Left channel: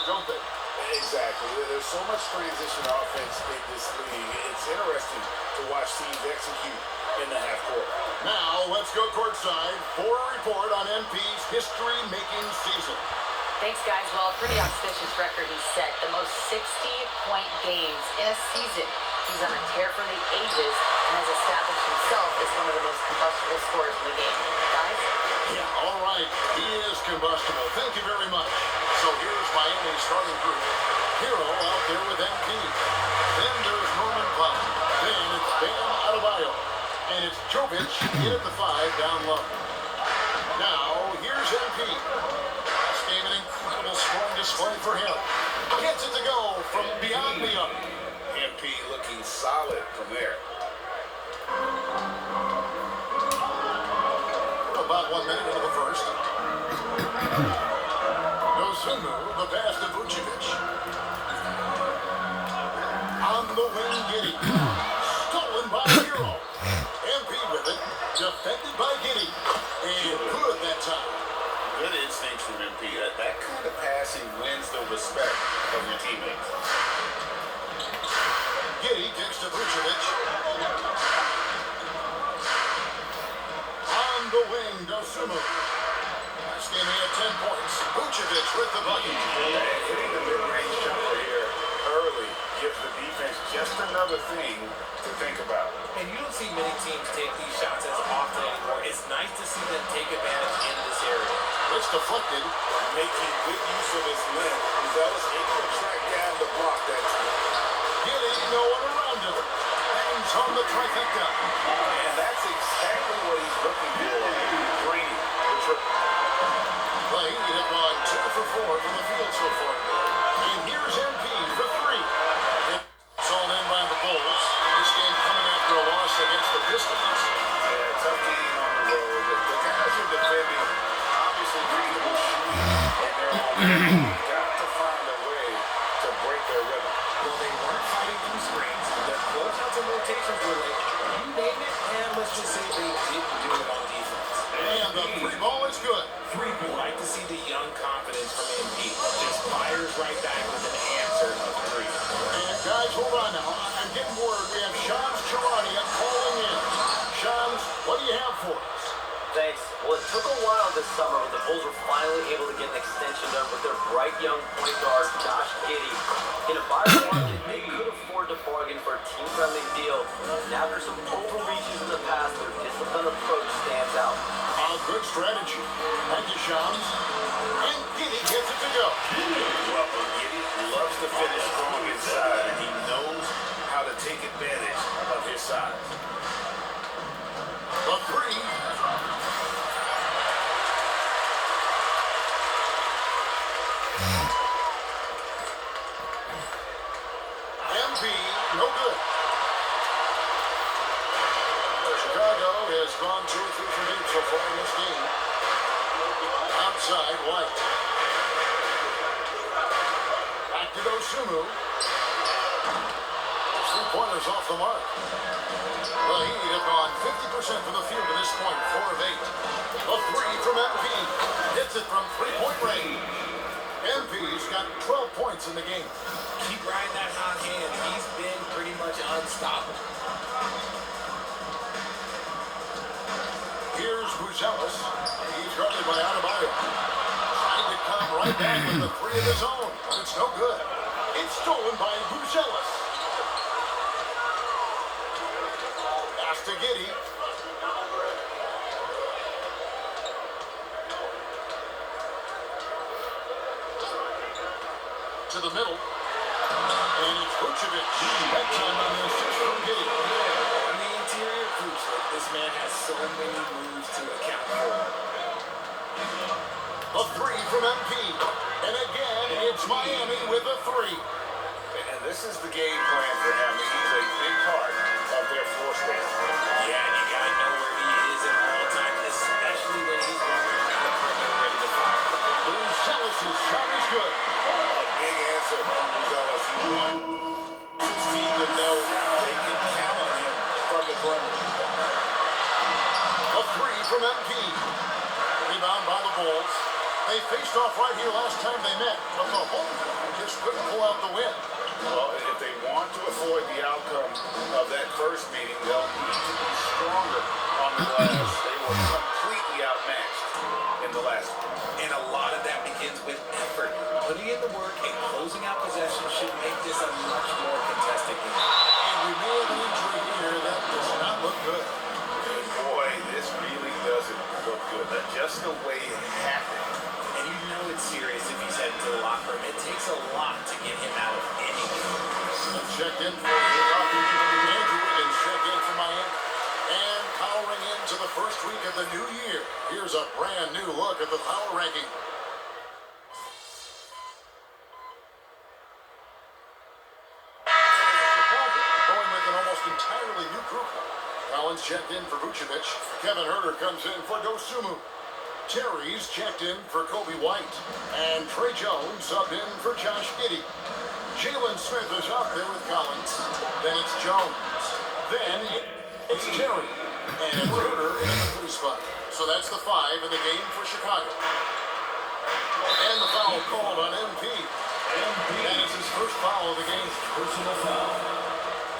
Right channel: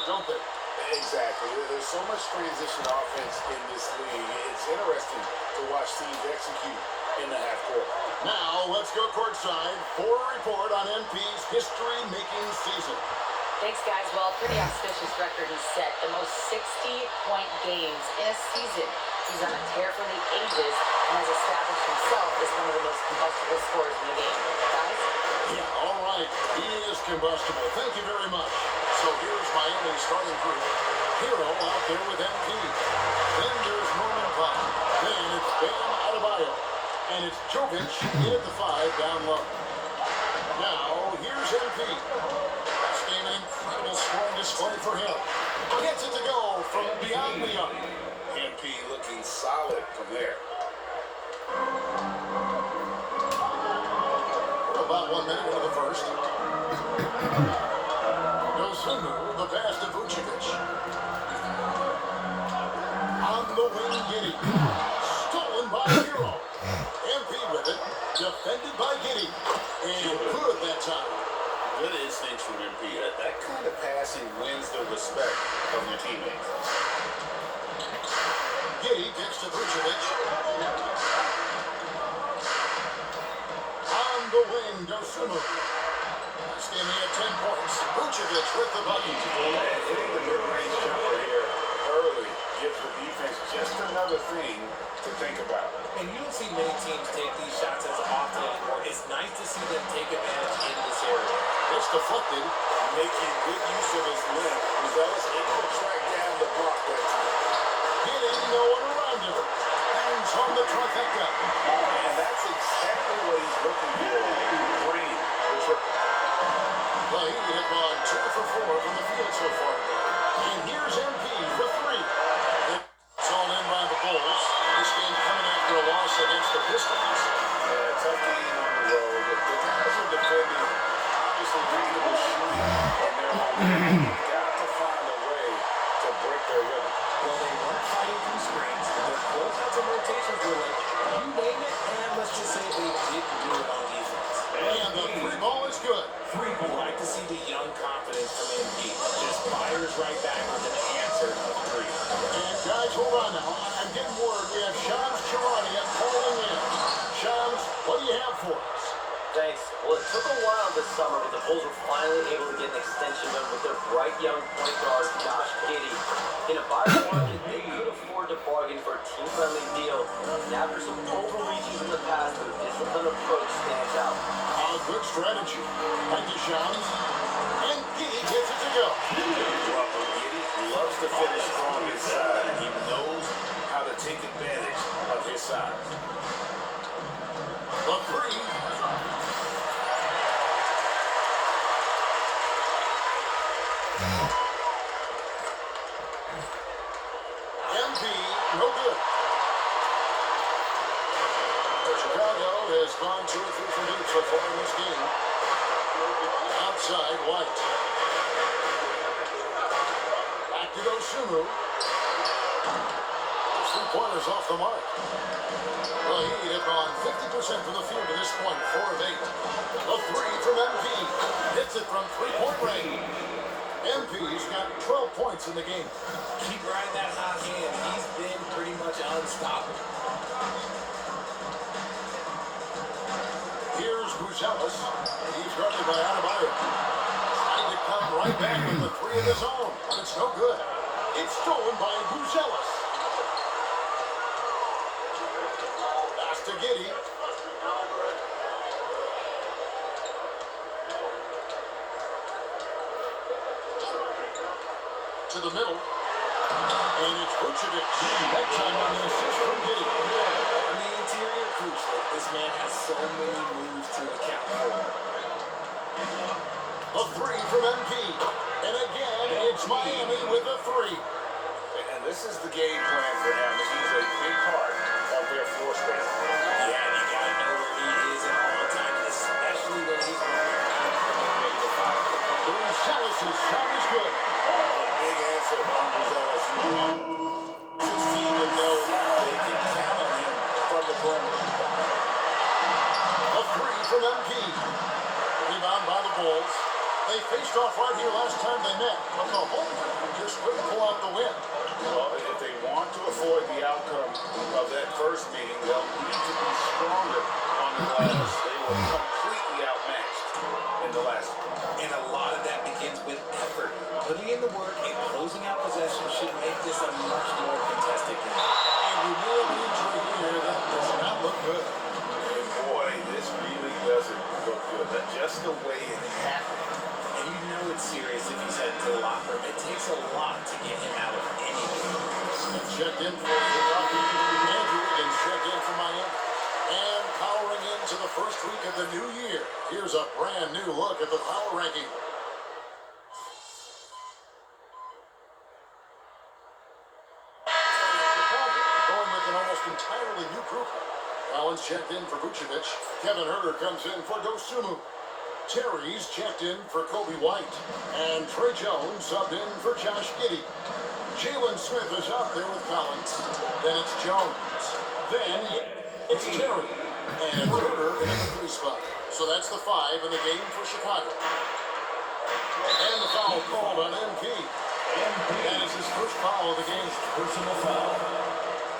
court, don't they? Exactly. There's so much transition offense in this league. It's interesting to watch teams execute in the half court. Now, let's go courtside for a report on MP's history-making season. Thanks, guys. Well, a pretty auspicious record he's set. The most 60-point games in a season. He's on a tear for the ages and has established himself as one of the most combustible scorers in the game. Guys? Yeah, all right. He is combustible. Thank you very much. So here's Miami's starting group. Hero out there with MP. Then there's Norman Powell. Then it's Bam Adebayo. And it's Jovic in at the 5 down low. Now, here's MP. That's game an incredible scoring display for him. Gets it to go from beyond the arc. MP looking solid from there. About 1 minute into the first. Dosunmu, the pass to Vucevic. On the wing, Giddey. Stolen by Hero. MP with it. Defended by Giddey. And good that time. Good instincts from MP. That kind of passing wins the respect of your teammates. Giddey kicks to Vucevic. On the wing, Dosunmu. This game he had 10 points. Vucevic with the bucket. And hitting the mid-range jumper here early gives the defense just another thing to think about. And you don't see many teams take these shots as often anymore. It's nice to see them take advantage in this area. It's deflected. Making good use of his length. Buzelis able to track down the block that time. Giddey, no one around him. Hangs home the trifecta. And that's exactly what he's looking for. Green, the triple. Play, he had gone 2 for 4 from the field so far. And here's MP for 3. It's all in by the Bulls. This game coming after a loss against the Pistons. Yeah, tough game on the road. The guys are defending, obviously reasonable shooting in their own game. Got to find a way to break their rhythm. Well, they weren't fighting through screens. The closeouts and rotations were like, you name it, and let's just say they didn't do it on defense. And the 3 ball is good. We like to see the young confidence from MP. Just fires right back with an answer of 3. And guys, hold on now. I'm getting word. We have Shams Charania calling in. Shams, what do you have for us? Thanks. Well, it took a while this summer, but the Bulls were finally able to get an extension done with their bright young point guard, Josh Giddey. In a buyer market, they could afford to bargain for a team-friendly deal. And after some overreaches in the past, their disciplined approach stands out. Good strategy. Thank you, Shams. And Giddey gets it to go. Well, Giddey loves to finish strong inside, and he knows how to take advantage of his size. The 3. MP, no good. Chicago has gone 2 or 3 from deep so far in this game. Outside, White. Back to Dosunmu. 3-pointers off the mark. The Heat have gone 50% from the field to this point, 4 of 8. A 3 from MP. Hits it from 3-point range. MP's got 12 points in the game. Keep riding that hot hand. He's been pretty much unstoppable. Here's Buzelis. He's guarded by Adebayo. Trying to come right back with the 3 of his own, but it's no good. It's stolen by Buzelis. Pass to Giddey. To the middle. And it's Vucevic. That time on the assist from Giddey. On the interior, Vucevic, this man has so many moves to account for. A 3 from MP. And again, it's Miami with a 3. And this is the game plan for him. He's a big part of their floor space. Yeah, and you gotta know where he is at all times, especially when he's running around and ready to fire. Buzelis' shot is good. A big answer from Buzelis. He wants his team to know they can count on him from the perimeter. A 3 from MP. Rebound by the Bulls. They faced off right here last time they met, but the whole just couldn't pull out the win. Well, if they want to avoid the outcome of that first meeting, they'll need to be stronger on the glass. They were completely outmatched in the last one. And a lot of that begins with effort. Putting in the work and closing out possession should make this a much more contested game. And we may have an injury here that does not look good. And boy, this really doesn't look good. Just the way it happened. And you know it's serious if he's heading to the locker room. It takes a lot to get him out of any game. Let's check in for Milwaukee. Andrew Wiggins check in for Miami. And powering into the first week of the new year, here's a brand new look at the power ranking. Chicago going with an almost entirely new group. Collins checked in for Vucevic. Kevin Huerter comes in for Dosunmu. Terry's checked in for Kobe White. And Trey Jones subbed in for Josh Giddey. Jalen Smith is out there with Collins. Then it's Jones. Then it's Terry. And it's Huerter in the 3 spot. So that's the 5 in the game for Chicago. And the foul called on MP. And it's his first foul of the game. Personal foul.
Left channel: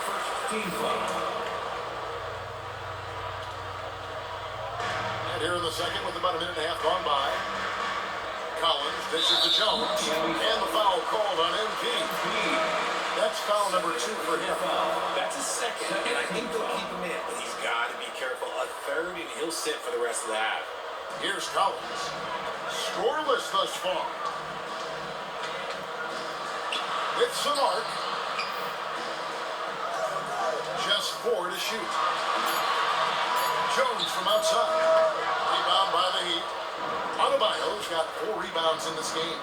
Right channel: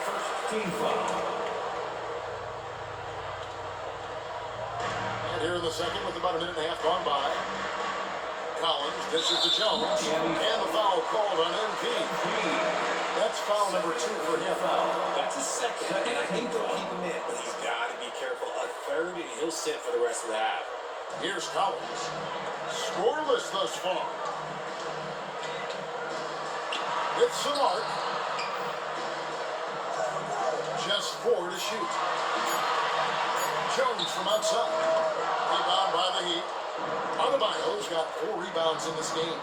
First team foul. And here in the second with about a minute and a half gone by. Collins dishes to Jones. And the foul called on MP. That's foul number 2 for him. That's a second, and I think they'll keep him in, but he's got to be careful. A third, and he'll sit for the rest of the half. Here's Collins. Scoreless thus far. It's the mark. Just 4 to shoot. Jones from outside. Rebound by the Heat. Adebayo's got 4 rebounds in this game.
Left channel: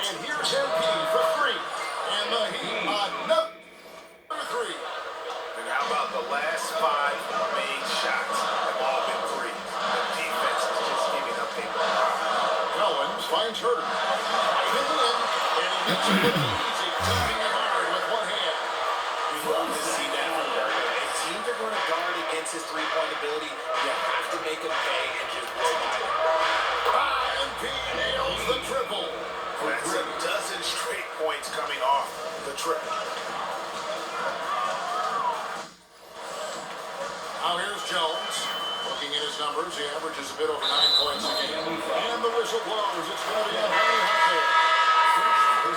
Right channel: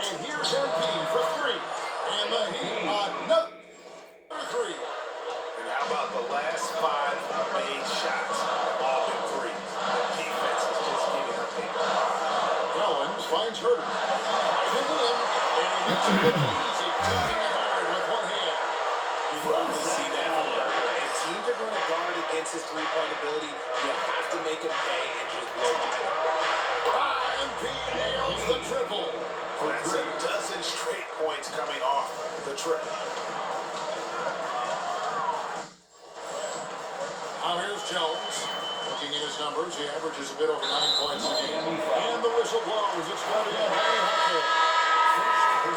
And here's MP for 3. And the Heat another 3. And how about the last 5 made shots? Have all been threes. The defense is just giving up a Collins finds Huerter. In the end, and he makes it look easy, tapping it hard with one hand. We love to see that from Huerter. If teams are going to guard against his three-point ability, you have to make him pay and just blow by him. MP nails the triple. That's a dozen straight points coming off the triple. Now here's Jones. Looking at his numbers, he averages a bit over 9 points a game. And the whistle blows. It's going to be a high hit.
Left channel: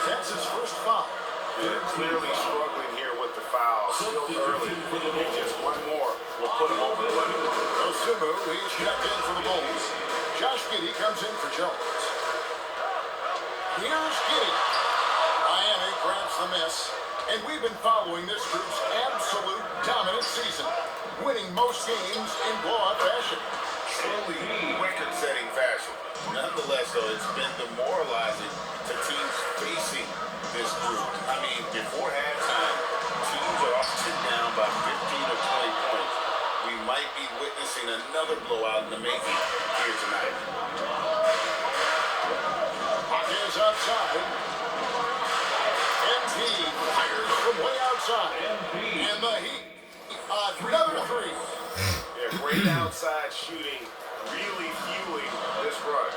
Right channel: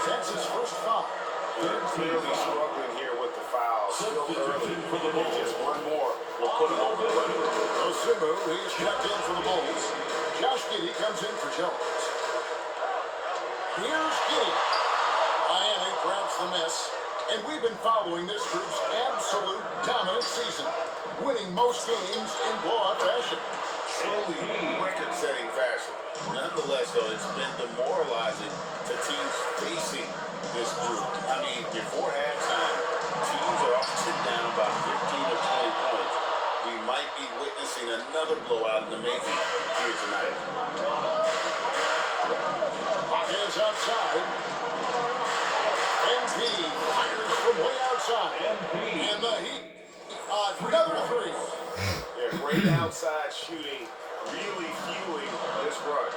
That's his first foul. They're clearly struggling here with the foul. Still early. And just one more will put him over the limit. Dosunmu, he's checked in for the Bulls. Josh Giddey comes in for Jones. Here's Giddey. Miami grabs the miss. And we've been following this group's absolute dominant season, winning most games in blowout fashion. Truly record-setting fashion. Nonetheless, though, it's been demoralizing to teams facing this group. I mean, before halftime, teams are often down by 15 or 20 points. We might be witnessing another blowout in the making here tonight. Hawkins outside. MP fires from way outside. And the Heat, another 3. Yeah, great outside shooting, really fueling this run.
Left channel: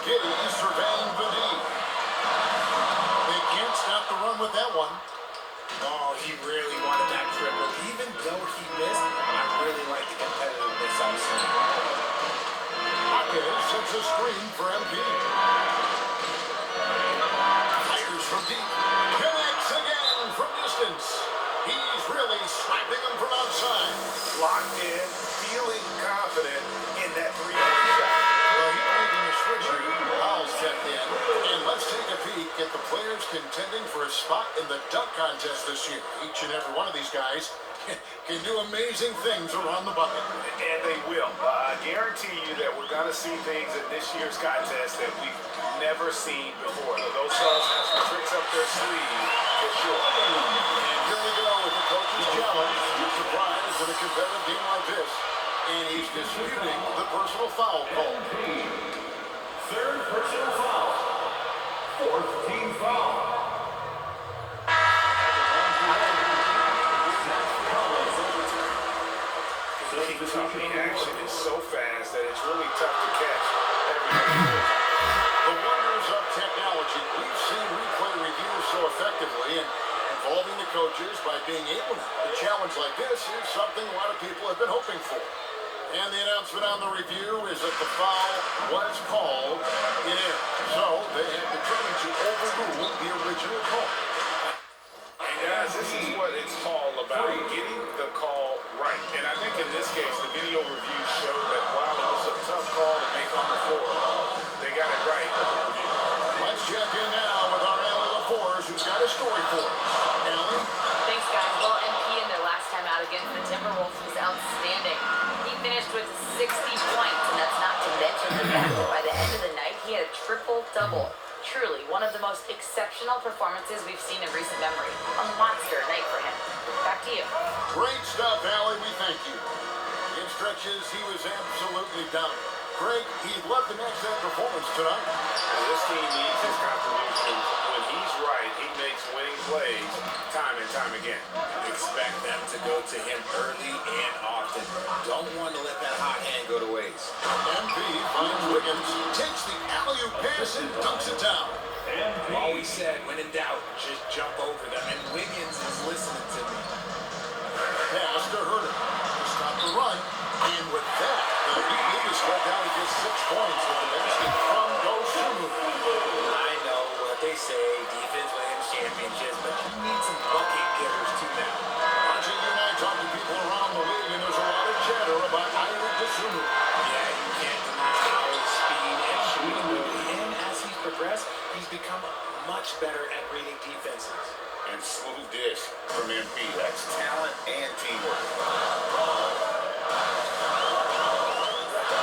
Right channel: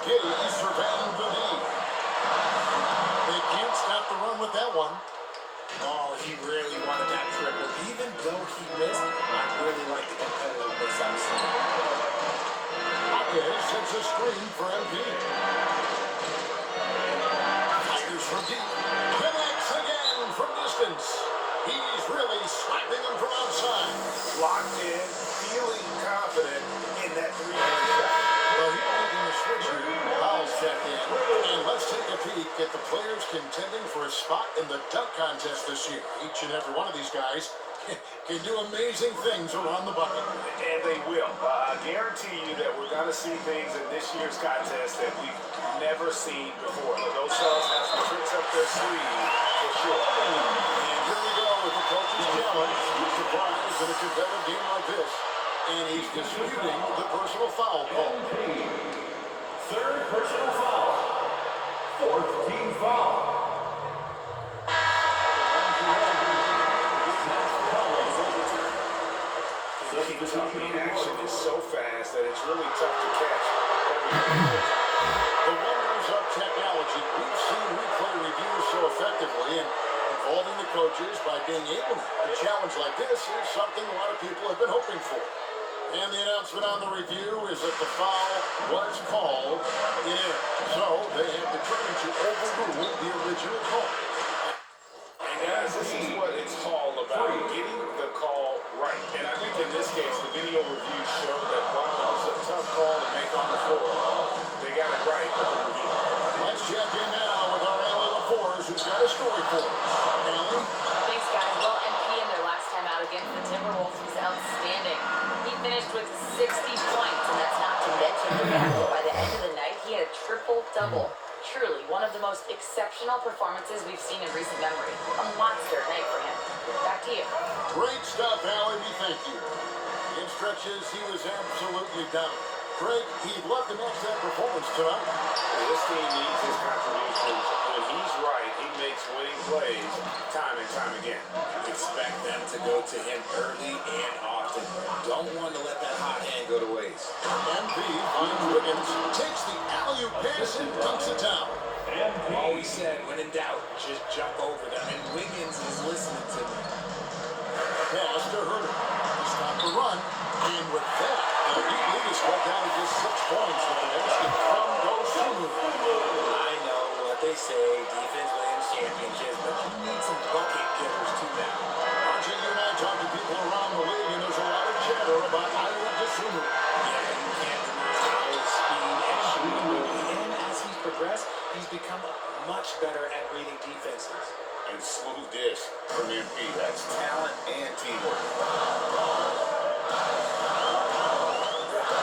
Giddey surveying the D. They can't stop the run with that one. Oh, he really wanted that triple. Even though he missed, I really like the competitiveness I'm seeing. Hawkins sets a screen for MP. Fires from deep. Connects again from distance. He's really slapping them from outside. Locked in, feeling confident in that three-point shot. Well, he's making a switch here. Powell's checked in. And let's take a peek at the players contending for a spot in the dunk contest this year. Each and every one of these guys can do amazing things around the bucket. And they will. I guarantee you that we're going to see things in this year's contest that we've never seen before. Those fellas have some tricks up their sleeve for sure. And here we go with the coach's challenge. Surprise in a competitive game like this. And he's disputing the personal foul call. Third personal foul. Fourth team foul. The action is so fast that it's really tough to catch The wonders of technology. We've seen replay reviews so effectively and involving the coaches by being able to challenge like this is something a lot of people have been hoping for. And the announcement on the review is that the foul was called in error. So they have determined to overrule the original call. And guys, this is what it's all about, getting the call right. And I think in this case, the video review showed that while it was a tough call to make on the floor, they got it right with the review. Let's check in now with our Allie LaForce, who's got a story for us. Allie? Thanks, guys. Well, MP in their last time out against the Timberwolves was outstanding. He finished with 60 points, and that's not to mention the fact that by the end of the night, he had a triple-double. Truly, one of the most exceptional performances we've seen in recent memory. A monster night for him. Back to you. Great stuff, Allie. We thank you. In stretches, he was absolutely dominant. Greg, he'd love to match that performance tonight. This team needs his contributions. When he's right, he makes winning plays time and time again. Expect them to go to him early and often. Don't want to let that hot hand go to waste. MP finds Wiggins, takes the alley-oop pass and dunks it down. Always said, when in doubt, just jump over them. And Wiggins is listening to me. Pass to Herter. To stop the run. And with that, the Heat lead is struck out at just 6 points with the basket from Dosunmu. I know what they say, defense wins championships, but you need some bucket getters too now. Archie, you and I talk to people around the league, and there's a lot of chatter about Dosunmu. Yeah, you can't deny his speed and shooting ability. And as he's progressed, he's become much better at reading defenses. And smooth dish from MP. That's talent and teamwork.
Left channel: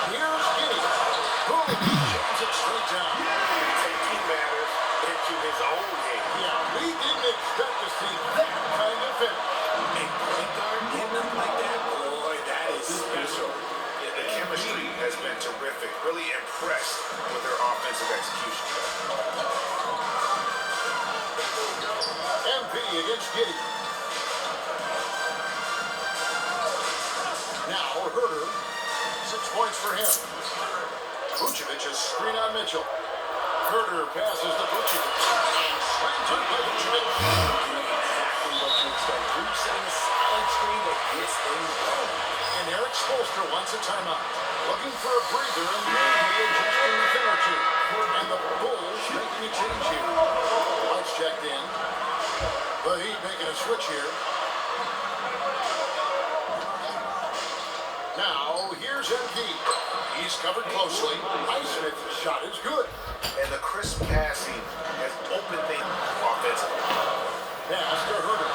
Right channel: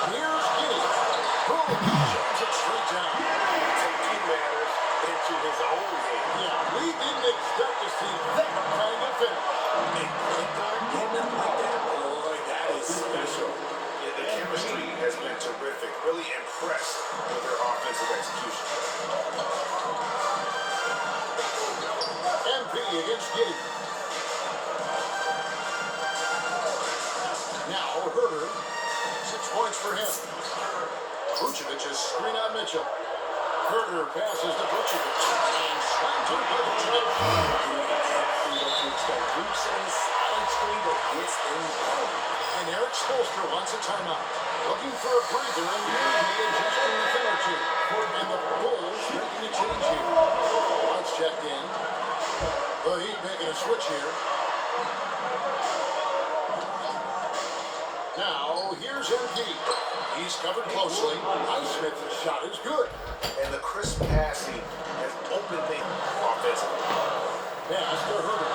Here's Giddy. Boom, he jams it straight down. Taking matters into his own hands. Yeah, we didn't expect to see that kind of finish. A point guard getting up like that, boy, that is special. Yeah, the chemistry has been terrific. Really impressed with their offensive execution. MP against Giddy. Now Herter. 6 points for him. Vucevic's screen on Mitchell. Herter passes to Vucevic. And slammed in by Vucevic. Exactly what you expect. Group setting a solid screen that gets things going. And Eric Spoelstra wants a timeout. Looking for a breather and maybe adjusting a thing or two. And the Bulls making a change here. Lights checked in. The Heat making a switch here. Now, here's MP. He's covered closely. Highsmith's shot is good. And the crisp passing has opened things offensively. Pass to Herter.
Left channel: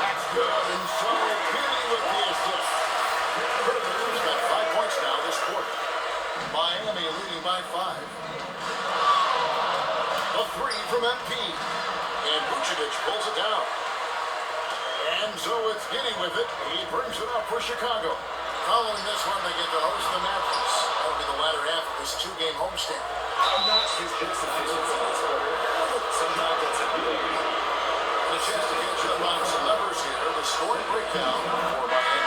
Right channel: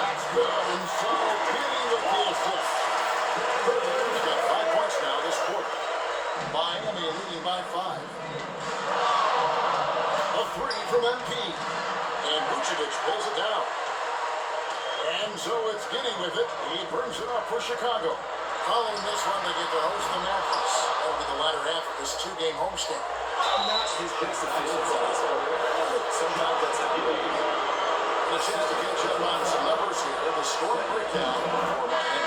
That's good. And so Giddy with the assist. Herter's got 5 points now this quarter. Miami leading by 5. A 3 from MP. And Vucevic pulls it down. And so it's Giddy with it. He brings it up for Chicago. Following this one, they get to host the Mavericks. That'll be the latter half of this 2-game homestand. Not his best efficiency this quarter. Sometimes that's a deal. And a chance to catch up on some numbers here. The scoring breakdown for Miami.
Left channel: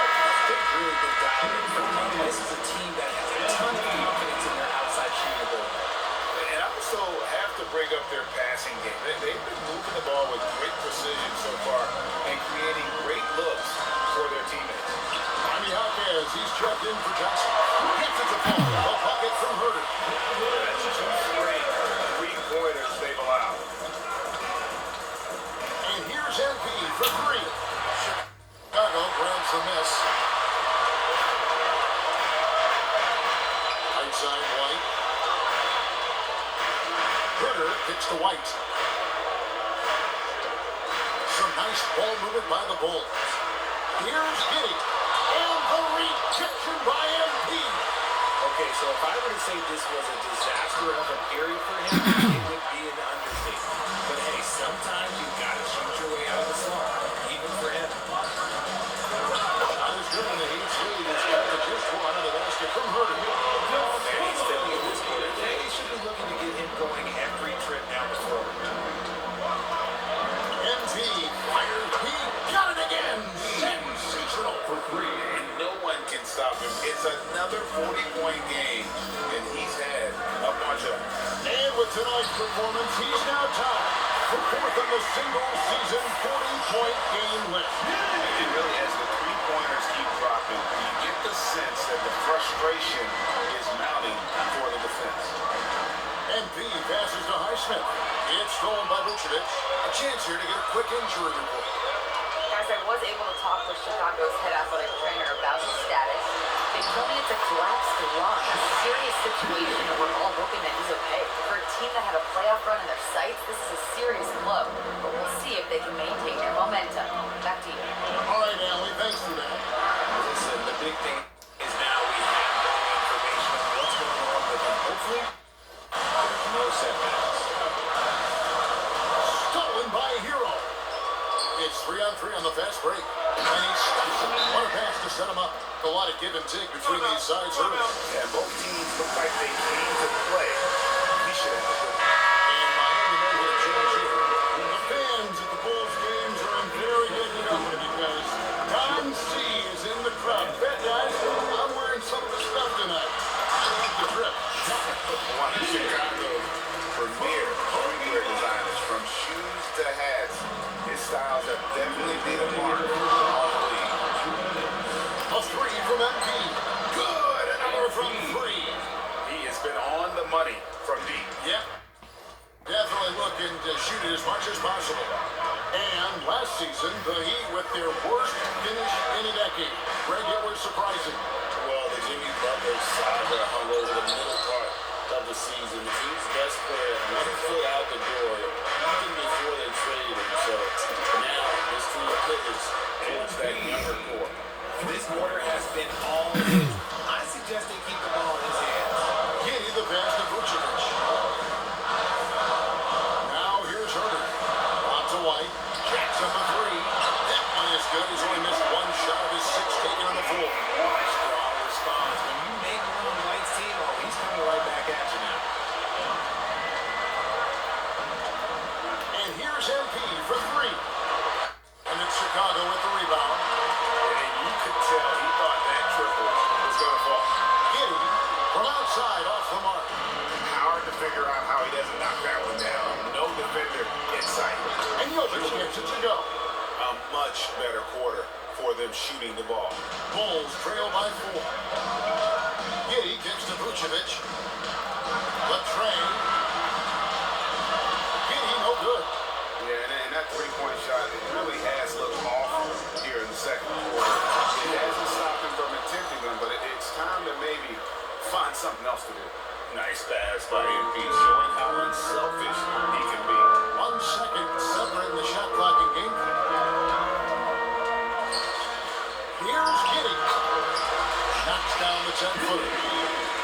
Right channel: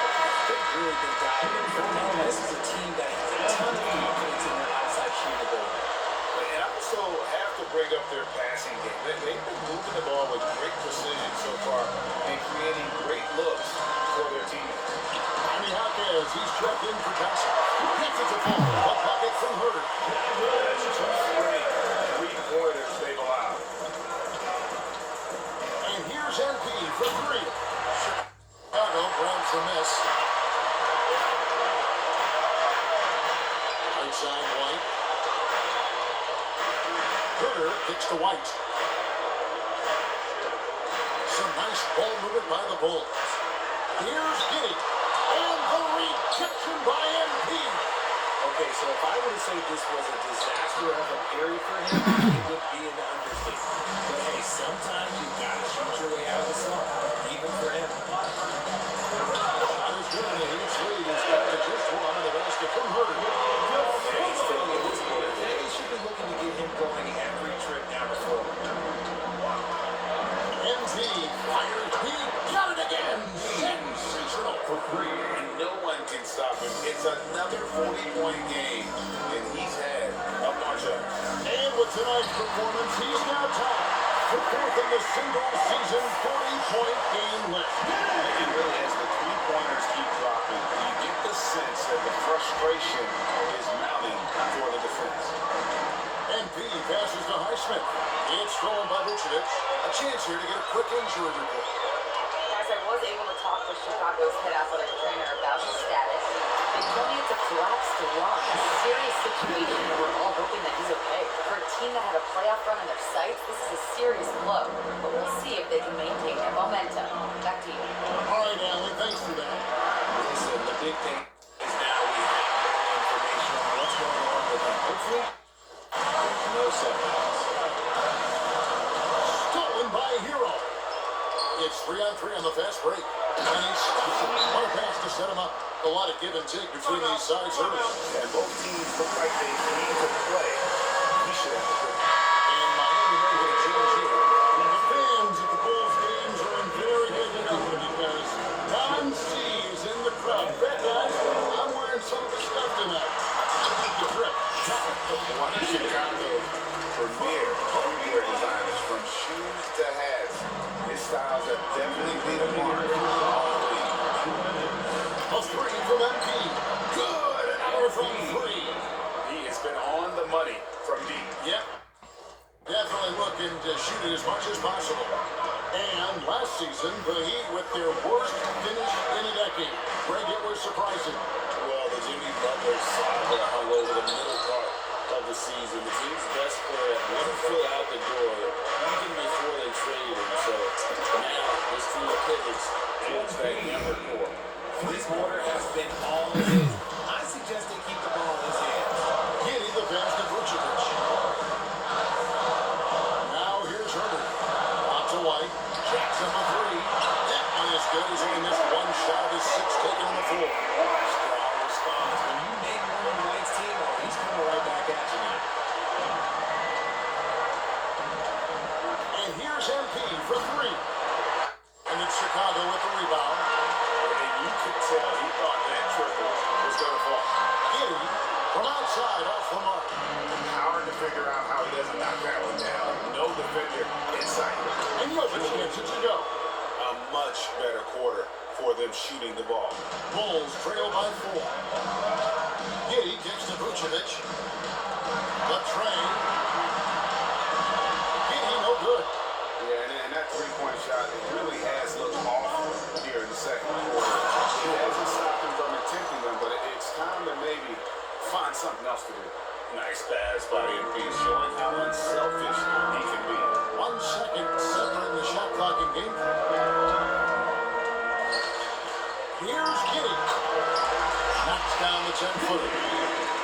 They've really been dialed in for them. This is a team that has a ton of confidence in their outside shooting ability. And I also have to bring up their passing game. They've been moving the ball with great precision so far and creating great looks for their teammates. Jaime Jaquez, he's checked in for Johnson. Gets it to fall. A bucket from Herter. That's just great three-pointers they've allowed. And here's MP for 3. Chicago grabs the miss. Right side, White. Herter kicks to White. Some nice ball movement by the Bulls. Here's Giddy. And the rejection by MP. Okay, so if I were to say this was a disaster of a period for him, it would be an understatement. But hey, sometimes you've got to shoot your way out of the slump, even for him. Shot is good in the Heat's lead. He's got the just one of the basket from Herter. And he's filling in this quarter. They should be looking to get him going every trip down the floor. MP fires. He got it again. Sensational. And no one can stop him. It's another 40-point game, and he's had tonight's performance, he's now tied for fourth in the single-season 40-point game list. And really, as the three-pointers keep dropping, you get the sense that the frustration is mounting for the defense. MP passes to Highsmith. It's stolen by Vucevic. A chance here to get a quick injury report. Guys, I was able to talk with Chicago's head athletic trainer about his status. They told me it's a collapsed lung, a serious situation, and we're all hoping that he's okay. For a team that had a playoff run in their sights, this is a serious blow. But we'll see if they can maintain their momentum. Back to you. All right, Allie, thanks for that. Listen, the big thing is now we have more information on what's going on with him. Hopefully, there's no setbacks. Stolen by Hero. It's 3-on-3 on the fast break. And he stops it. What a pass to set him up. A lot of give and take between these sides early. And both teams look like they came to play. He should have the ball. And Miami may get a change here. The fans at the Bulls games are in very good company because Tom C is in the crowd. Bet, guys, I'm wearing some of the stuff tonight. I like the drip. One of Chicago's premier streetwear designers, from shoes to hats. His styles have definitely been a mark on the league. A three from MP. Good. Another from three. He has been on the money from deep. Yep. Definitely looking to shoot it as much as possible. And last season, the Heat with their worst finish in a decade. Greg, it was surprising. Well, the Jimmy Butler saga hung over the middle part of the season. The team's best player, 1 foot out the door, even before they traded him. So now this team pivots towards that younger core. This quarter has been all his. I suggest they keep the ball in his hands. Giddy the pass to Vucevic. Now here's Herbert. On to White. Jackson for three. That one is good. He's only missed one shot of his 6 taken on the floor. Strong response. When you make one on White's team, oh, he's coming right back at you now. And here's MP for three. And it's Chicago with the rebound. And you could tell he thought that triple was going to fall. Giddy from outside off the mark. Hard to figure out how he doesn't knock that one down. No defender in sight. And Jokic gets it to go. A much better quarter for them shooting the ball. Bulls trail by 4. Giddy kicks to Vucevic. The train. Giddy no good. Yeah, and that three-point shot, it really has looked off here in the second quarter. It hasn't stopped him from attempting them, but it's time to maybe find something else to do. Nice pass by MP, showing how unselfish he can be. 1 second separating the shot clock and game clock. Here's Giddy. Knocks down the 10-footer.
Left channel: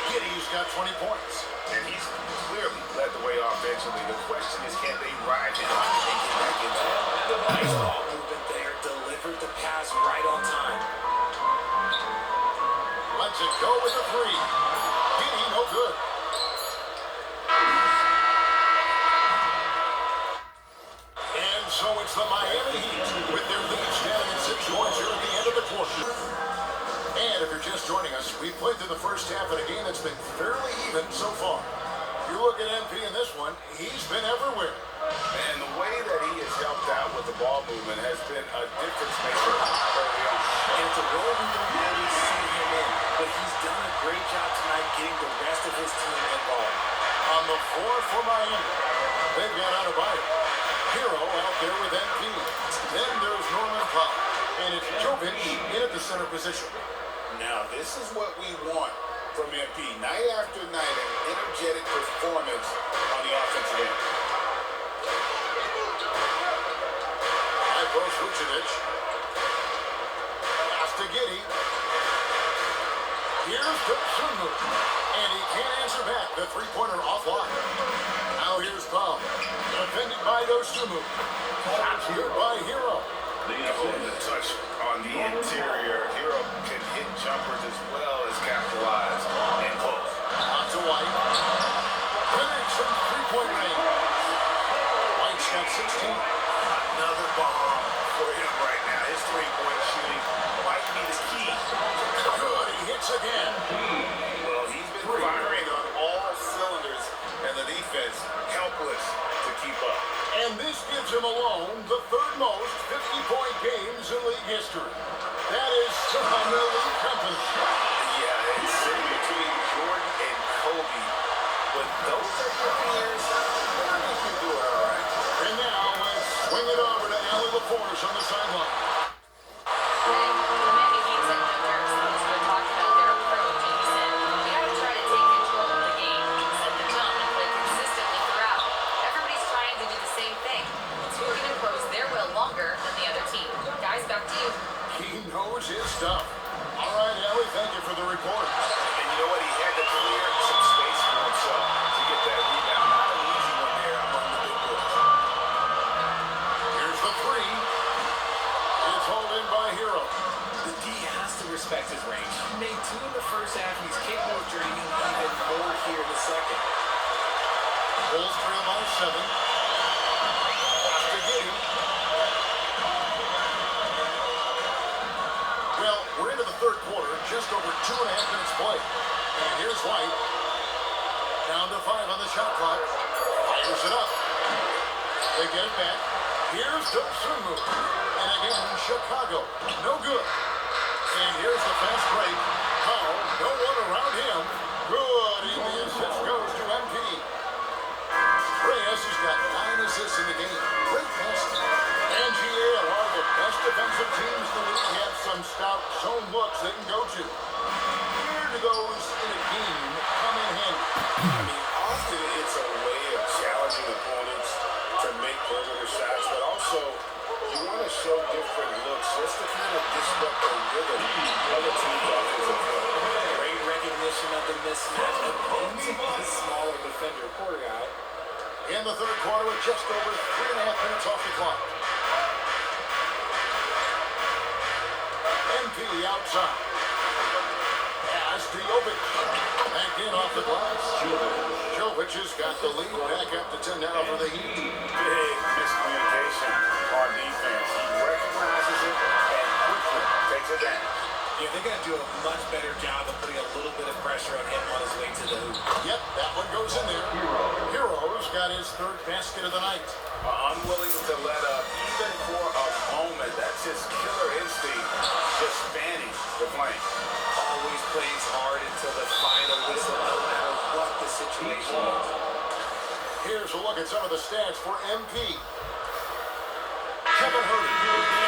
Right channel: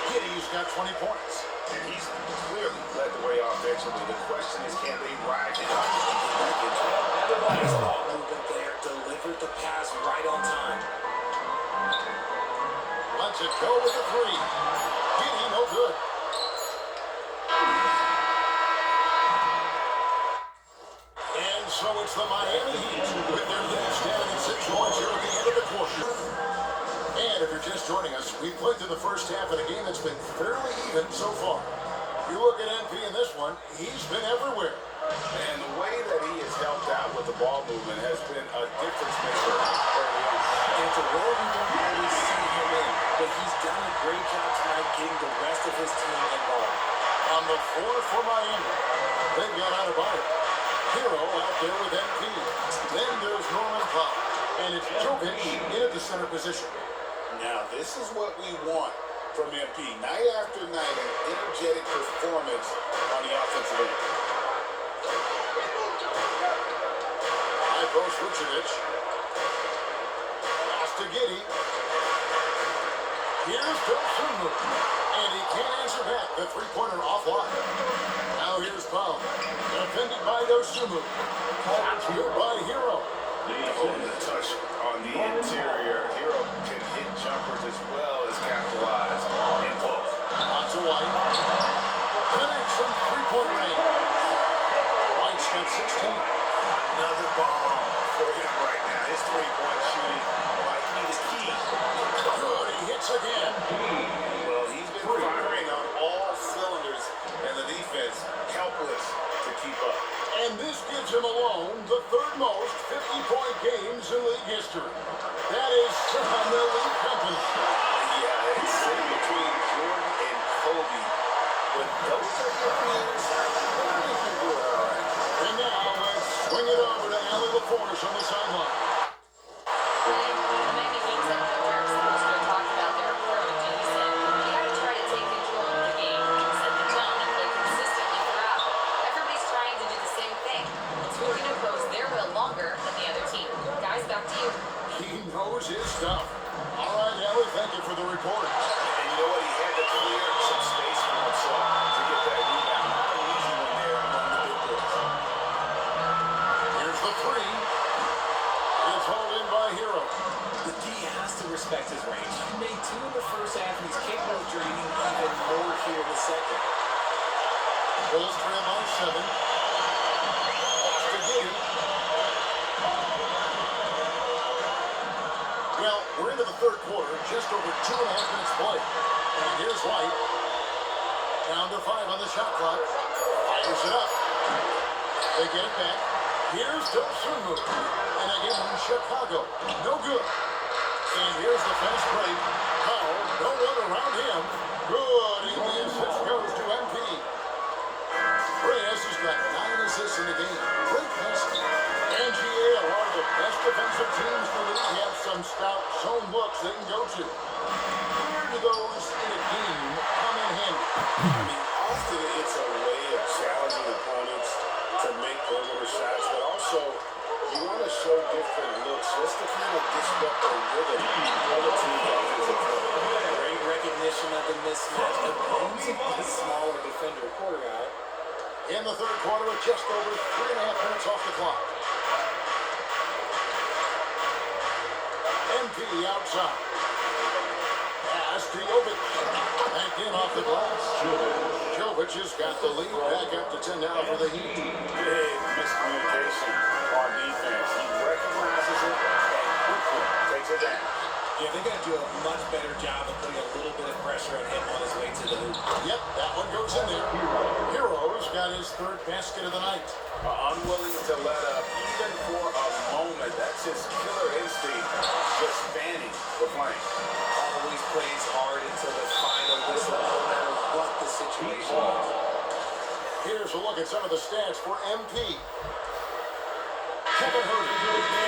Giddy's got 20 points. And he's clearly led the way offensively. The question is, can they ride him and get back into it? Nice ball movement there. Delivered the pass right on time. Lets it go with the three. Giddy no good. And so it's the Miami Heat with their lead standing at 6 points here at the end of the quarter. And if you're just joining us, we've played through the first half in a game that's been fairly even so far. You look at MP in this one, he's been everywhere. And the way that he has helped out with the ball movement has been a difference maker early on. And it's a role we don't always see him in, but he's done a great job tonight getting the rest of his team involved. On the floor for Miami, they've got Adebayo. Hero out there with MP. Then there's Norman Powell. And it's Jokic in at the center position. Now, this is what we want from MP. Night after night, an energetic performance on the offensive end. High post Vucevic. Pass to Giddy. Here's Dosunmu. And he can't answer back. The three-pointer offline. Now here's Powell. Defended by Dosunmu. Shots here by Hero. The touch on the interior. Hero can hit jumpers as well as capitalize and close. On to White. Connects from three-point range. White's got 16. Another bomb for him right now. His three-point shooting might be the key. Good, he hits again. Well, he's been firing on all cylinders, and the defense leaves him alone the third most 50-point games in league history. That is some elite company. Yeah, it's sitting between Jordan and Kobe. But those are your peers. You can do it all right. And now let's swing it over to Allie LaForce on the sideline. The Miami Heat said Joe Harrison was going to talk about their approach, and he said, "We got to try to take control of the game, set the tone, and play consistently throughout. Everybody's trying to do the same thing. It's who can impose their will longer than the other team." Guys, back to you. He knows his stuff. All right, Allie, thank you for the report. And you know what? He had to clear some space for himself to get that rebound. Not an easy one there among the big boys. Here's the three. It's hauled in by Hero. The D has to respect his range. He made 2 in the first half, and he's capable of draining even more here in the second. Bulls trail by 7. After Giddy. Well, we're into the third quarter, just over 2.5 minutes played. And here's White. Down to 5 on the shot clock. Fires it up. They get it back. Here's Dosunmu. And again, Chicago. No good. And here's the fast break. Powell, no one around him. Good. And the assist goes to MP. Reyes has got 9 assists in the game. Great passing. And GAL are the best defensive teams in the league. Have some stout zone looks they can go to. Where do those in a game come in handy? I mean, often it's a way of challenging opponents to make perimeter shots, but also you want to show different looks just to kind of disrupt the rhythm of the team's offensive play. Great recognition of the mismatch against the smaller defender, poor guy. In the third quarter with just over 3.5 minutes off the clock. MP outside. Pass to Jovic. Back in off the glass. Jovic has got the lead back up to 10 now for the Heat. Big miscommunication on defense. He recognizes it and quickly takes it down. Yeah, they got to do a much better job of putting a little bit of pressure on him on his way to the hoop. Yep, that one goes in there. Hero's got his third basket of the night. Unwilling to let up even for a moment. That's his killer instinct, just fanning the flame. Always plays hard until the final whistle, no matter what the situation is. Here's a look at some of the stats for MP. Kevin Hurdy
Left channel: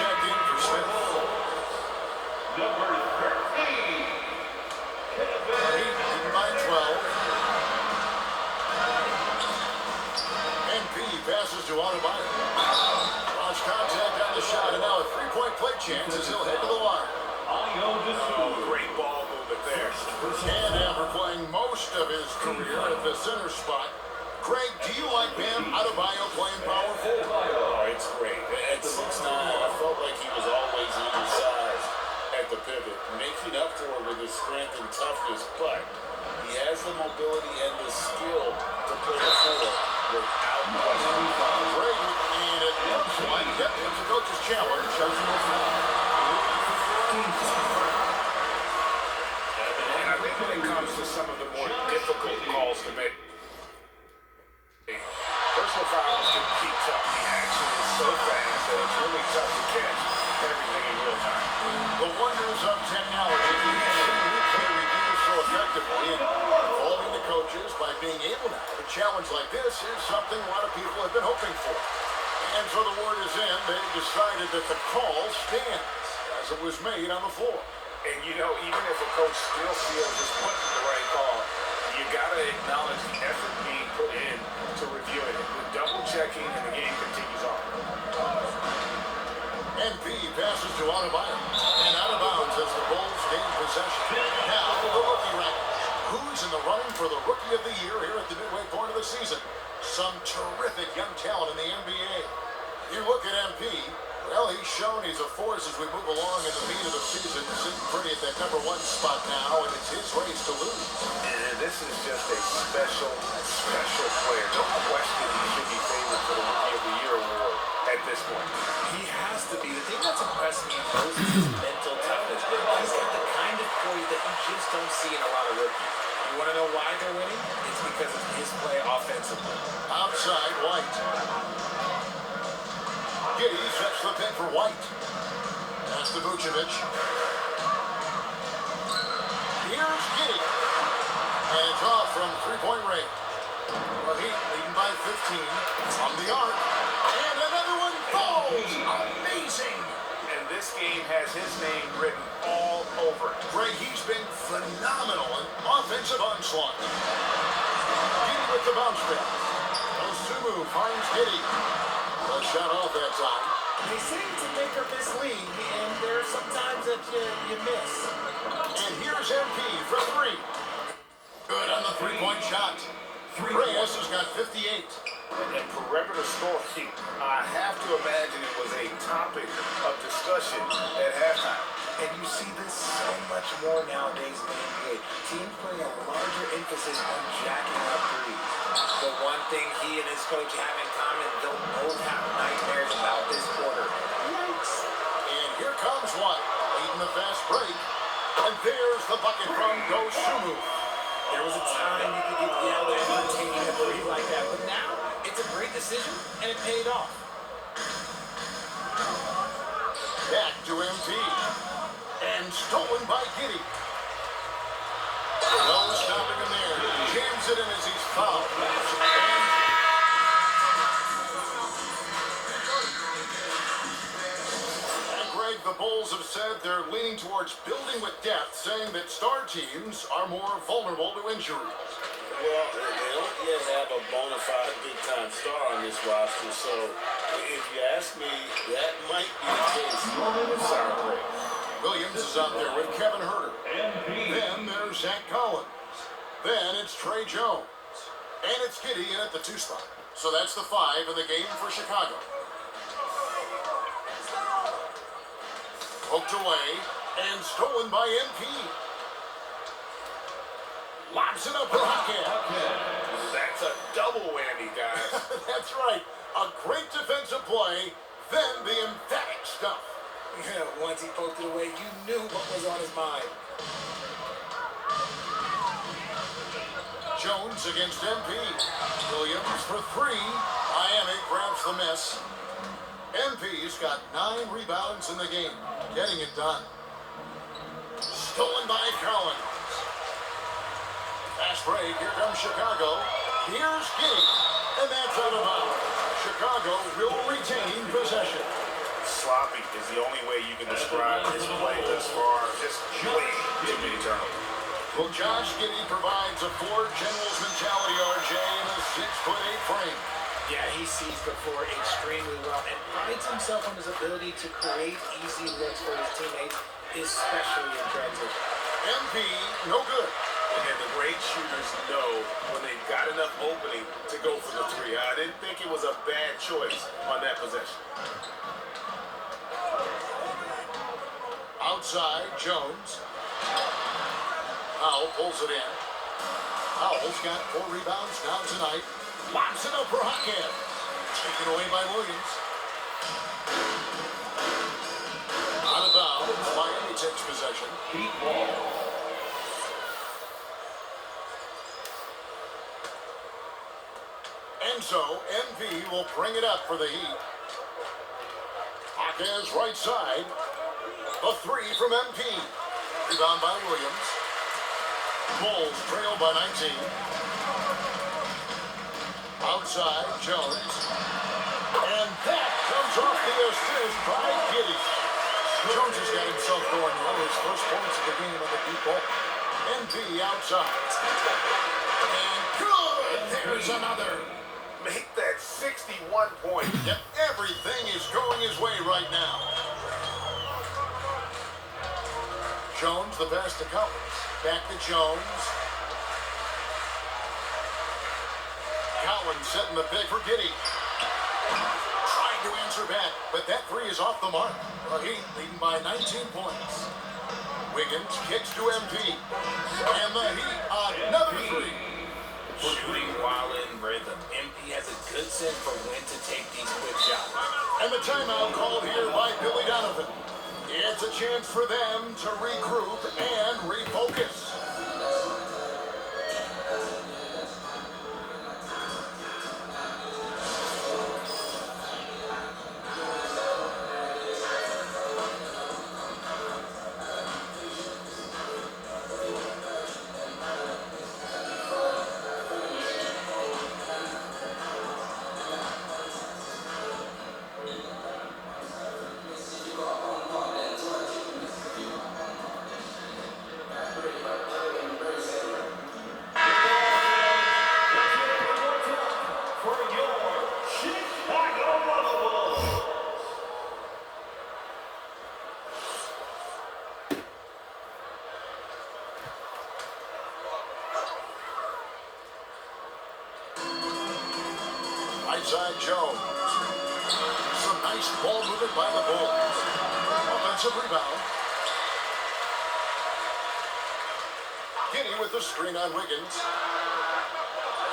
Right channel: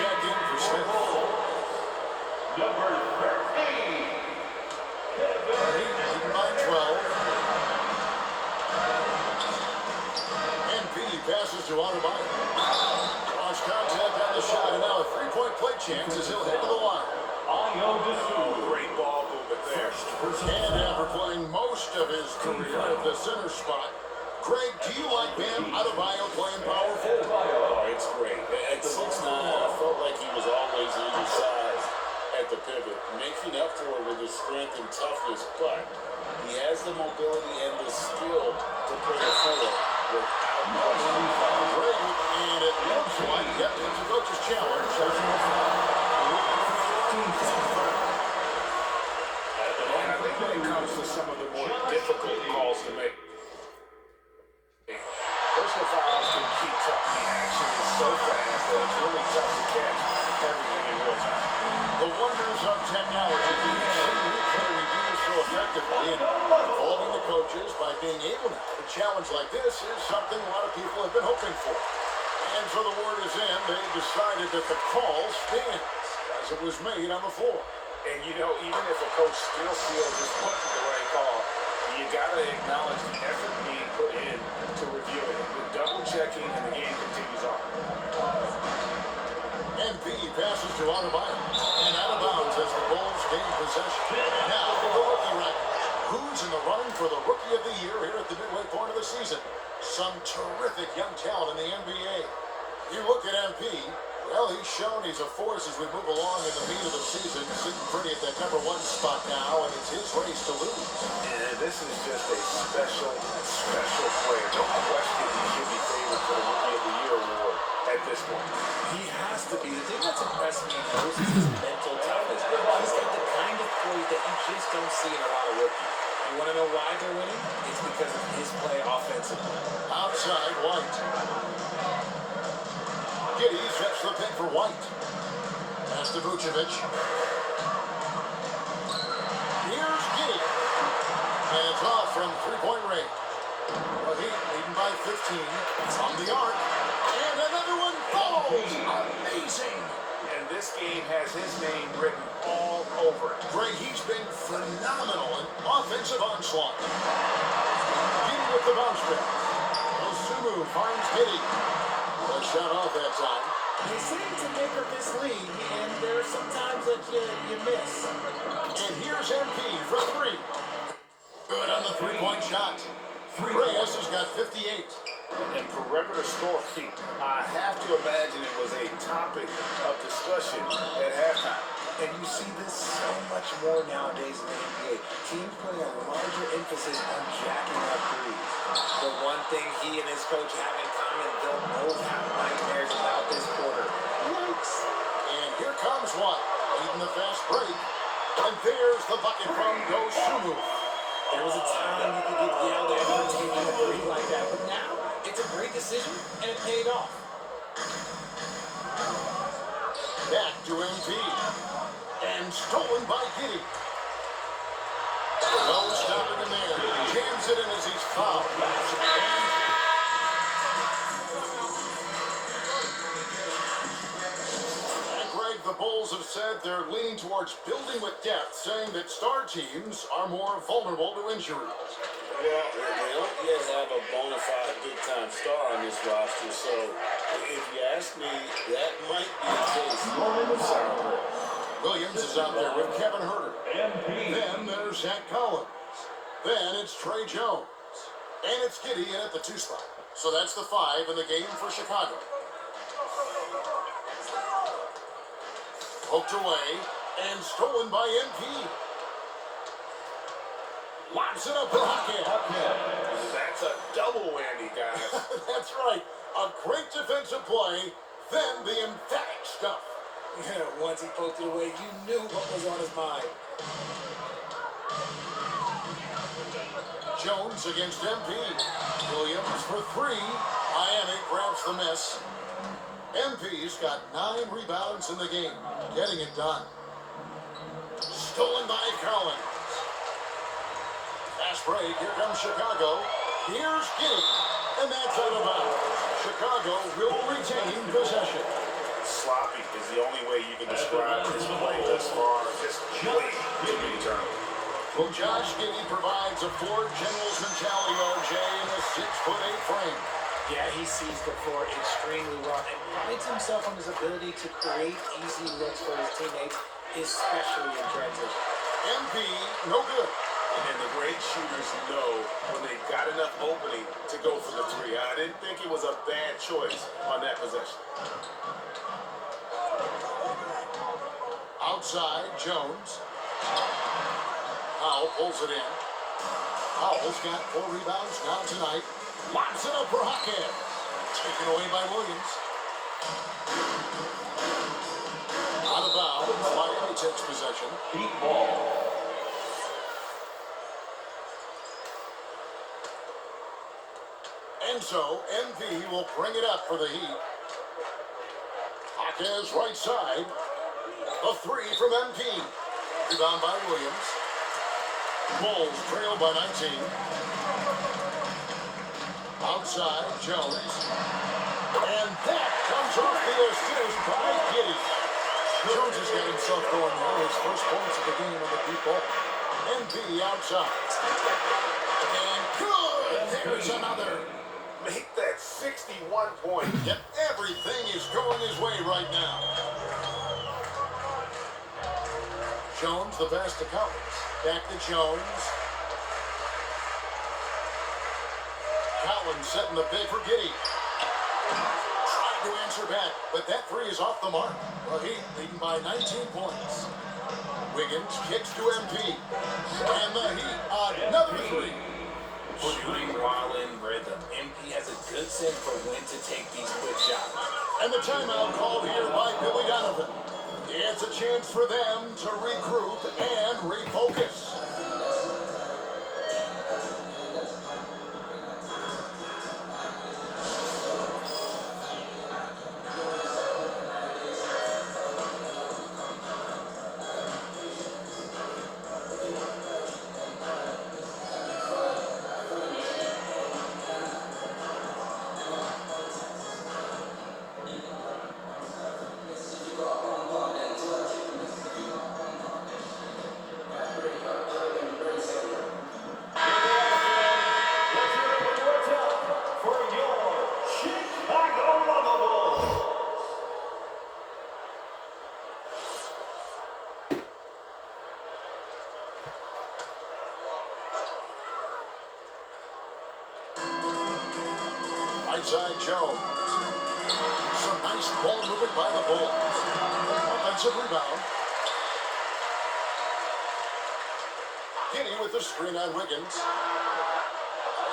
checked in for Smith. Number 13. Heat leading by 12. MP passes to Adebayo. Launch contact on the shot, and now a three-point play chance as he'll head to the line. Oh, great ball movement there. And after playing most of his career at the center spot, Craig, do you like Bam Adebayo playing power forward? Oh, it's great. At 6'9", I felt like he was always undersized at the pivot, making up for it with his strength and toughness, but he has the mobility and the skill to play a four without question. Craig, and it looks like, yep, it's a coach's challenge. And I think when it comes to some of the more difficult calls to make, personal fouls can keep tough. The action is so fast that it's really tough to catch everything in real time. The wonders of technology. We've seen replay reviews so effectively in involving the coaches by being able now to challenge like this is something a lot of people have been hoping for. And so the word is in, they decided that the call stands as it was made on the floor. And you know, even if a coach still feels this wasn't the right call, you gotta acknowledge the effort being put in to review it. With double checking and the game continues on. MP passes to Adebayo. And out of bounds as the Bulls gain possession. Now the rookie rankings. Who's in the running for the Rookie of the Year here at the midway point of the season? Some terrific young talent in the NBA. You look at MP, well, he's shown he's a force as we move along in the meat of the season. Sitting pretty at that #1 spot now, and it's his race to lose. And this is just a special player. No question he should be favored for the Rookie of the Year award at this point. He has to be. The thing that's impressed me most is his mental toughness. He's got the kind of poise that you just don't see in a lot of rookies. You want to know why they're winning? It's because of his play offensively. Outside, White. Giddy sets the pick for White. That's to Vucevic. Here's Giddy. And it's off from three-point range. The Heat leading by 15 from the arc. And another one falls. Amazing. And this game has his name written all over it. Gray, he's been phenomenal in offensive onslaught. Giddy with the bounce pass. Osumu finds Giddy. A shot off that time. They say it's a make or miss league, and there are some times that you miss. And here's MP for three. Good on the three-point shot. Reyes has got 58. And perimeter scoring, I have to imagine it was a topic of discussion at halftime. And you see this so much more nowadays in the NBA. Teams putting a larger emphasis on jacking up threes. The one thing he and his coach have in common, they'll both have nightmares about this quarter. Yikes. And here comes one, leading the fast break. And there's the bucket from Osumu. There was a time you could get yelled at for taking a three like that, but now it's a great decision and it paid off. Back to MP. And stolen by Giddy. No stopping him there. Jams it in as he's fouled. And Greg, the Bulls have said they're leaning towards building with depth, saying that star teams are more vulnerable to injury. Well, they don't yet have a bona fide big-time star on this roster, so if you ask me, that might be the case. Sorry. Williams is out there with Kevin Herter. Then there's Zach Collins. Then it's Trey Jones. And it's Giddy in at the 2 spot. So that's the 5 in the game for Chicago. Poked away and stolen by MP. Lobs it up for Hackett. That's a double whammy, guys. That's right. A great defensive play, then the emphatic stuff. Once he poked it away, you knew what was on his mind. Jones against MP. Williams for 3. Miami grabs the miss. MP's got 9 rebounds in the game, getting it done. Stolen by Collins. Fast break, here comes Chicago. Here's Giddy, and that's out of bounds. Chicago will retain possession. Sloppy is the only way you can describe his play thus far. Just way too many turnovers. Well, Josh Giddy provides a Ford General's mentality, RJ, in a 6'8" frame. Yeah, he sees the floor extremely well and prides himself on his ability to create easy looks for his teammates, especially in transition. MP, no good. And the great shooters know when they've got enough opening to go for the 3. I didn't think it was a bad choice on that possession. Outside, Jones. Powell pulls it in. Powell's got 4 rebounds now tonight. Lobs it up for Hackett. Taken away by Williams. Out of bounds. Miami takes possession. Heat ball. And so, MV will bring it up for the Heat. Hackett right side. A 3 from MP. Rebound by Williams. Bulls trail by 19. Outside, Jones. And that comes off the assist by Giddy. Jones has got himself going now. His first points of the game on the deep ball. MP outside. And good! There's another. Make that 61 points. Yep, everything is going his way right now. Jones, the pass to Collins. Back to Jones. Collins setting the pick for Giddy. Trying to answer back, but that 3 is off the mark. The Heat leading by 19 points. Wiggins kicks to MP. And the Heat, another 3. Shooting while in rhythm. MP has a good sense for when to take these quick shots. And the timeout called here by Billy Donovan. It's a chance for them to regroup and refocus. Right side Jones. Some nice ball movement by the Bulls. Offensive rebound. Giddy with the screen on Wiggins.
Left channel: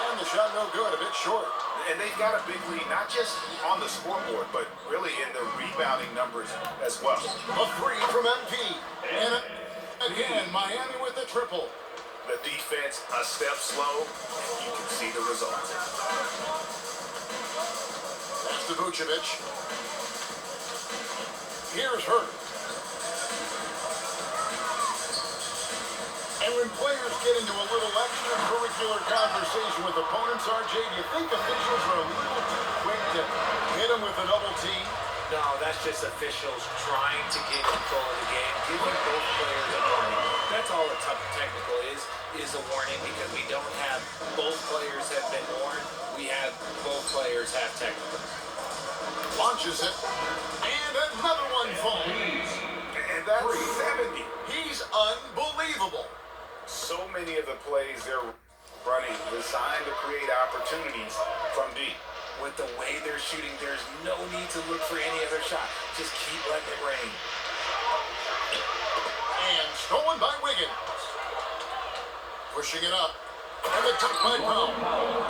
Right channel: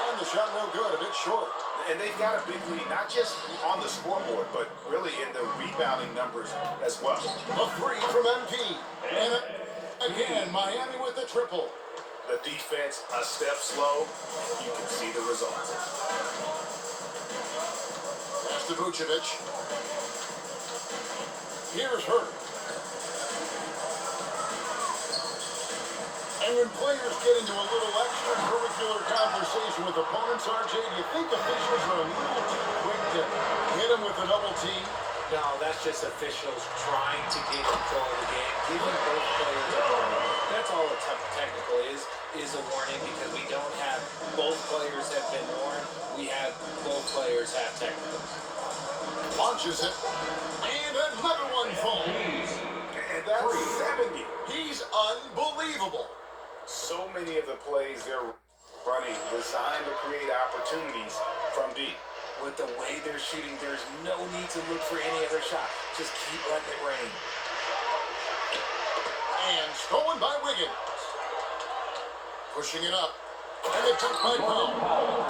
And the shot no good, a bit short. And they've got a big lead, not just on the scoreboard, but really in the rebounding numbers as well. A three from MP. And again, Miami with the triple. The defense a step slow, and you can see the results. Pass to Vucevic. Here's Hurt. And when players get into a little extracurricular conversation with opponents, RJ, do you think officials are a little too quick to hit them with a double team? No, that's just officials trying to get control of the game, giving both players a warning. That's all a technical is a warning, because we don't have both players have been warned. We have both players have technicals. Launches it. And another one falls. And that's 70. He's unbelievable. So many of the plays they're running designed to create opportunities from deep. With the way they're shooting, there's no need to look for any other shot. Just keep letting it rain. And stolen by Wiggins. Pushing it up. And the dunk by Brown.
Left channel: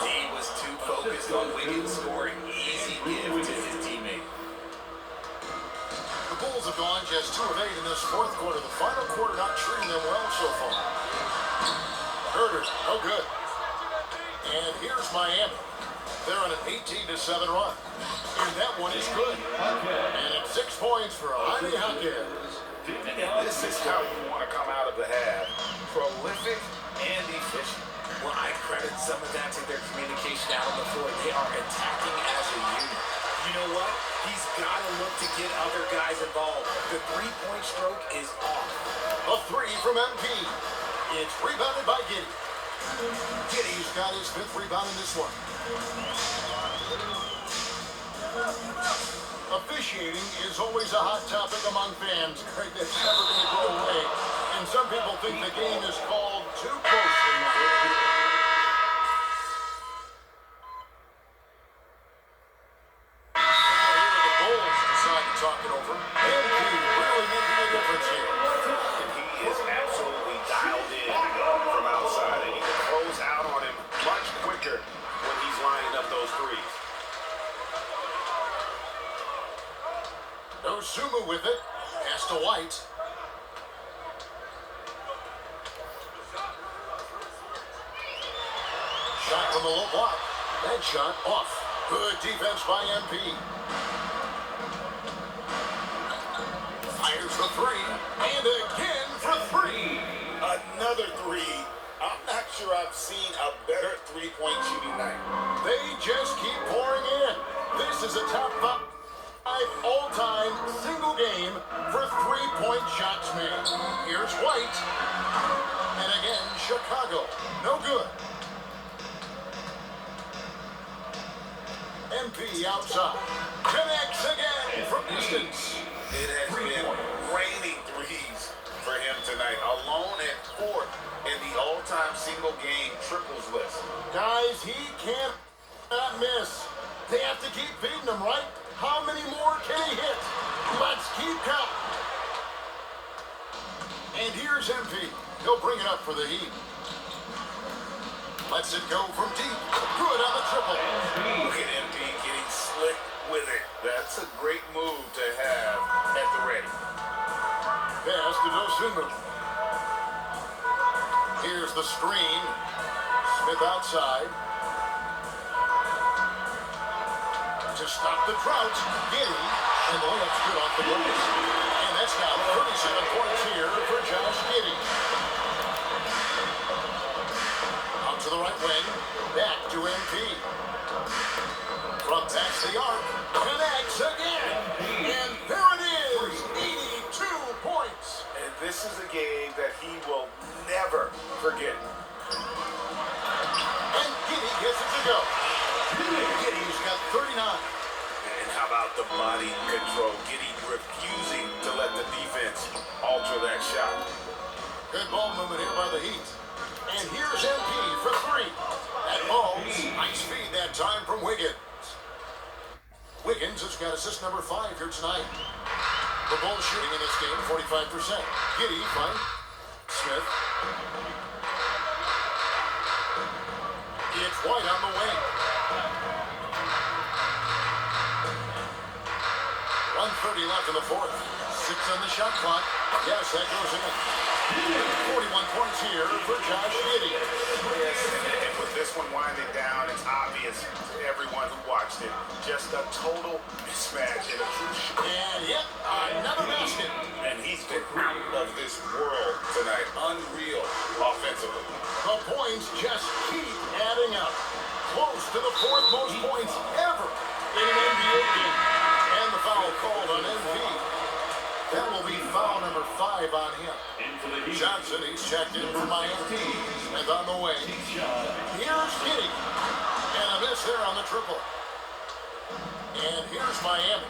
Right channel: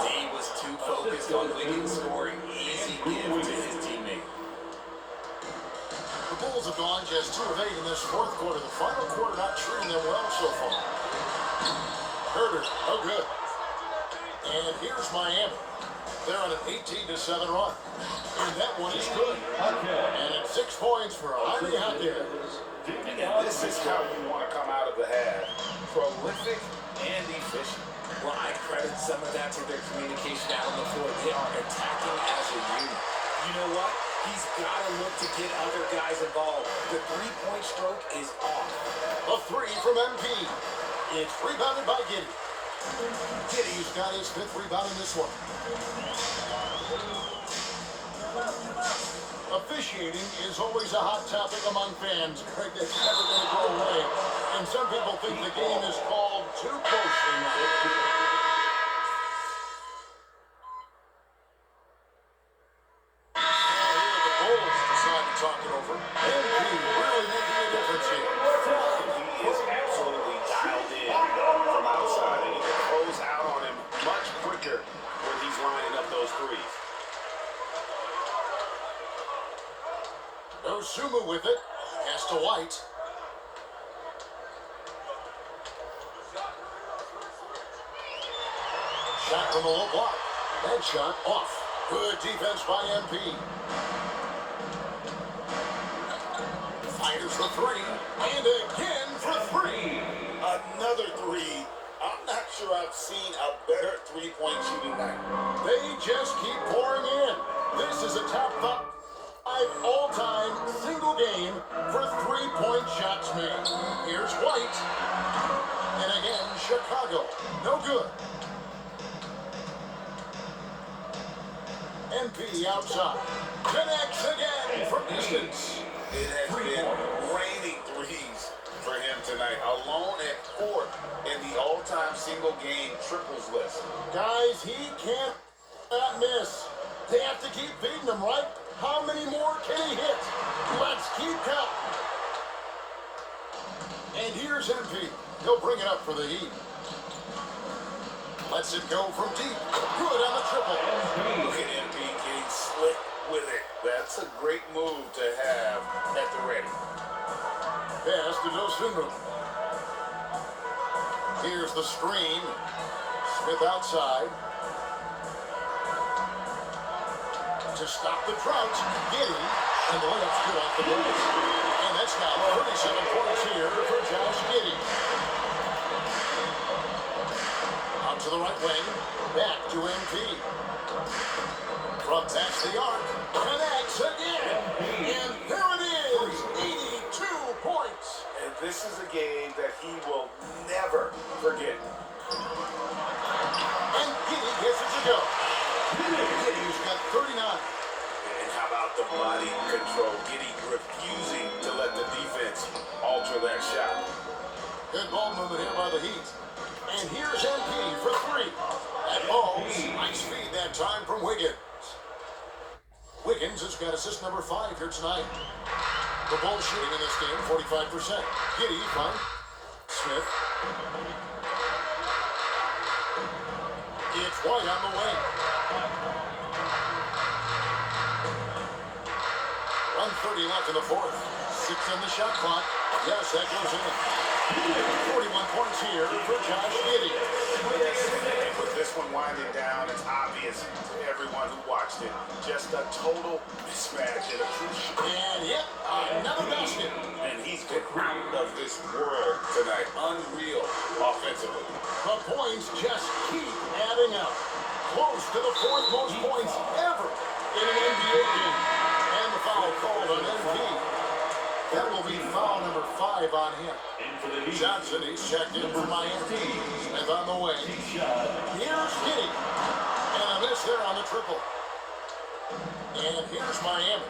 D was too focused on Wiggins scoring. Easy give to his teammate. The Bulls have gone just 2 of 8 in this fourth quarter. The final quarter not treating them well so far. Herter, no good. And here's Miami. They're on an 18-7 run. And that one is good. And it's 6 points for Jaime Jaquez. And this is how you want to come out of the half. Prolific and efficient. Well, I credit some of that to their communication out on the floor. They are attacking as a unit. You know what? He's got to look to get other guys involved. The three-point stroke is off. A three from MP. It's rebounded by Giddy. Giddy's got his 5th rebound in this one. Officiating is always a hot topic among fans, Greg, that's never going to go away. And some people think the game is called too closely now. The Bulls decide to talk it over. And he really making a difference here. He is absolutely dialed in from outside, and he can close out on him much quicker when he's lining up those threes. Sumu with it. Pass to White. Shot from the low block. That shot off. Good defense by MP. Fires the three. And again for 3. Another three. I'm not sure I've seen a better three-point shooting night. They just keep pouring in. This is a top 5 all-time single game for 3-point shots made. Here's White. And again, Chicago. No good. MP outside. Connects again from distance. It has been raining threes for him tonight, alone at 4th in the all-time single game triples list. Guys, he cannot miss. They have to keep beating him, right? How many more can he hit? Let's keep counting. And here's MP. He'll bring it up for the Heat. Lets it go from deep. Good on the triple. Look at MP getting slick with it. That's a great move to have at the ready. Pass to Dosunmu. Here's the screen. Smith outside. To stop the drought, Giddy, and the layup's good off the glass. And that's now 37 points here for Josh Giddy. Out to the right wing, back to MP. From past the arc, connects again. And there it is, 82 points. And this is a game that he will never forget. And Giddy gets it to go. Giddy's got 39. And how about the body control? Giddy refusing to let the defense alter that shot. Good ball movement here by the Heat. And here's MP for 3. At Ball's nice feed that time from Wiggins. Wiggins has got assist number 5 here tonight. The ball shooting in this game, 45%. Giddy finds Smith. It's White on the wing. 1:30 left in the fourth. 6 on the shot clock. Yes, that goes in. 41 points here for Josh Giddy. Yes, and with this one winding down, it's obvious to everyone who watched it. Just a total mismatch and a crucial. And yet, another basket. And he's been out of this world tonight. Unreal offensively. The points just keep adding up. Close to the 4th most points ever in an NBA game. And the foul called on MP. That will be foul number 5 on him. Johnson, he's checked in for Miami. And on the way. Here's Giddy. And a miss there on the triple. And here's Miami.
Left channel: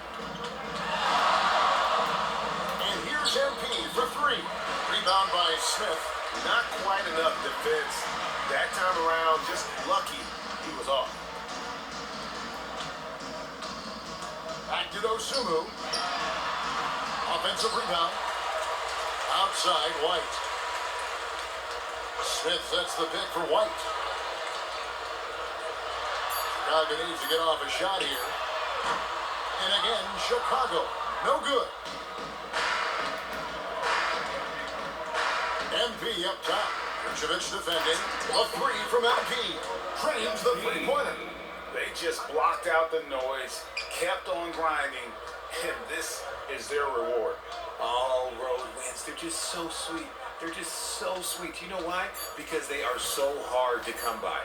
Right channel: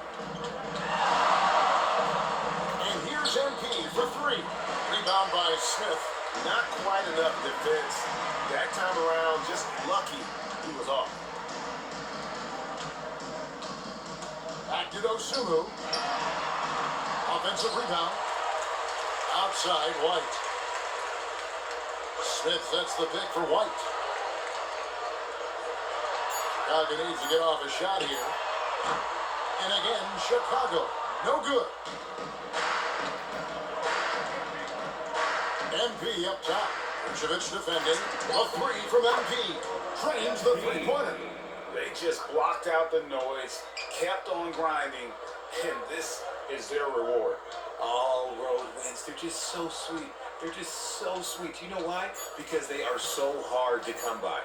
And here's MP for 3. Rebound by Smith. Not quite enough defense. That time around, just lucky he was off. Back to Dosumu. Offensive rebound. Outside, White. Smith sets the pick for White. Chicago needs to get off a shot here. And again, Chicago. No good. MP up top. Vucevic defending. A 3 from MP. Trains the three-pointer. They just blocked out the noise, kept on grinding, and this is their reward. All road wins. They're just so sweet. They're just so sweet. You know why? Because they are so hard to come by.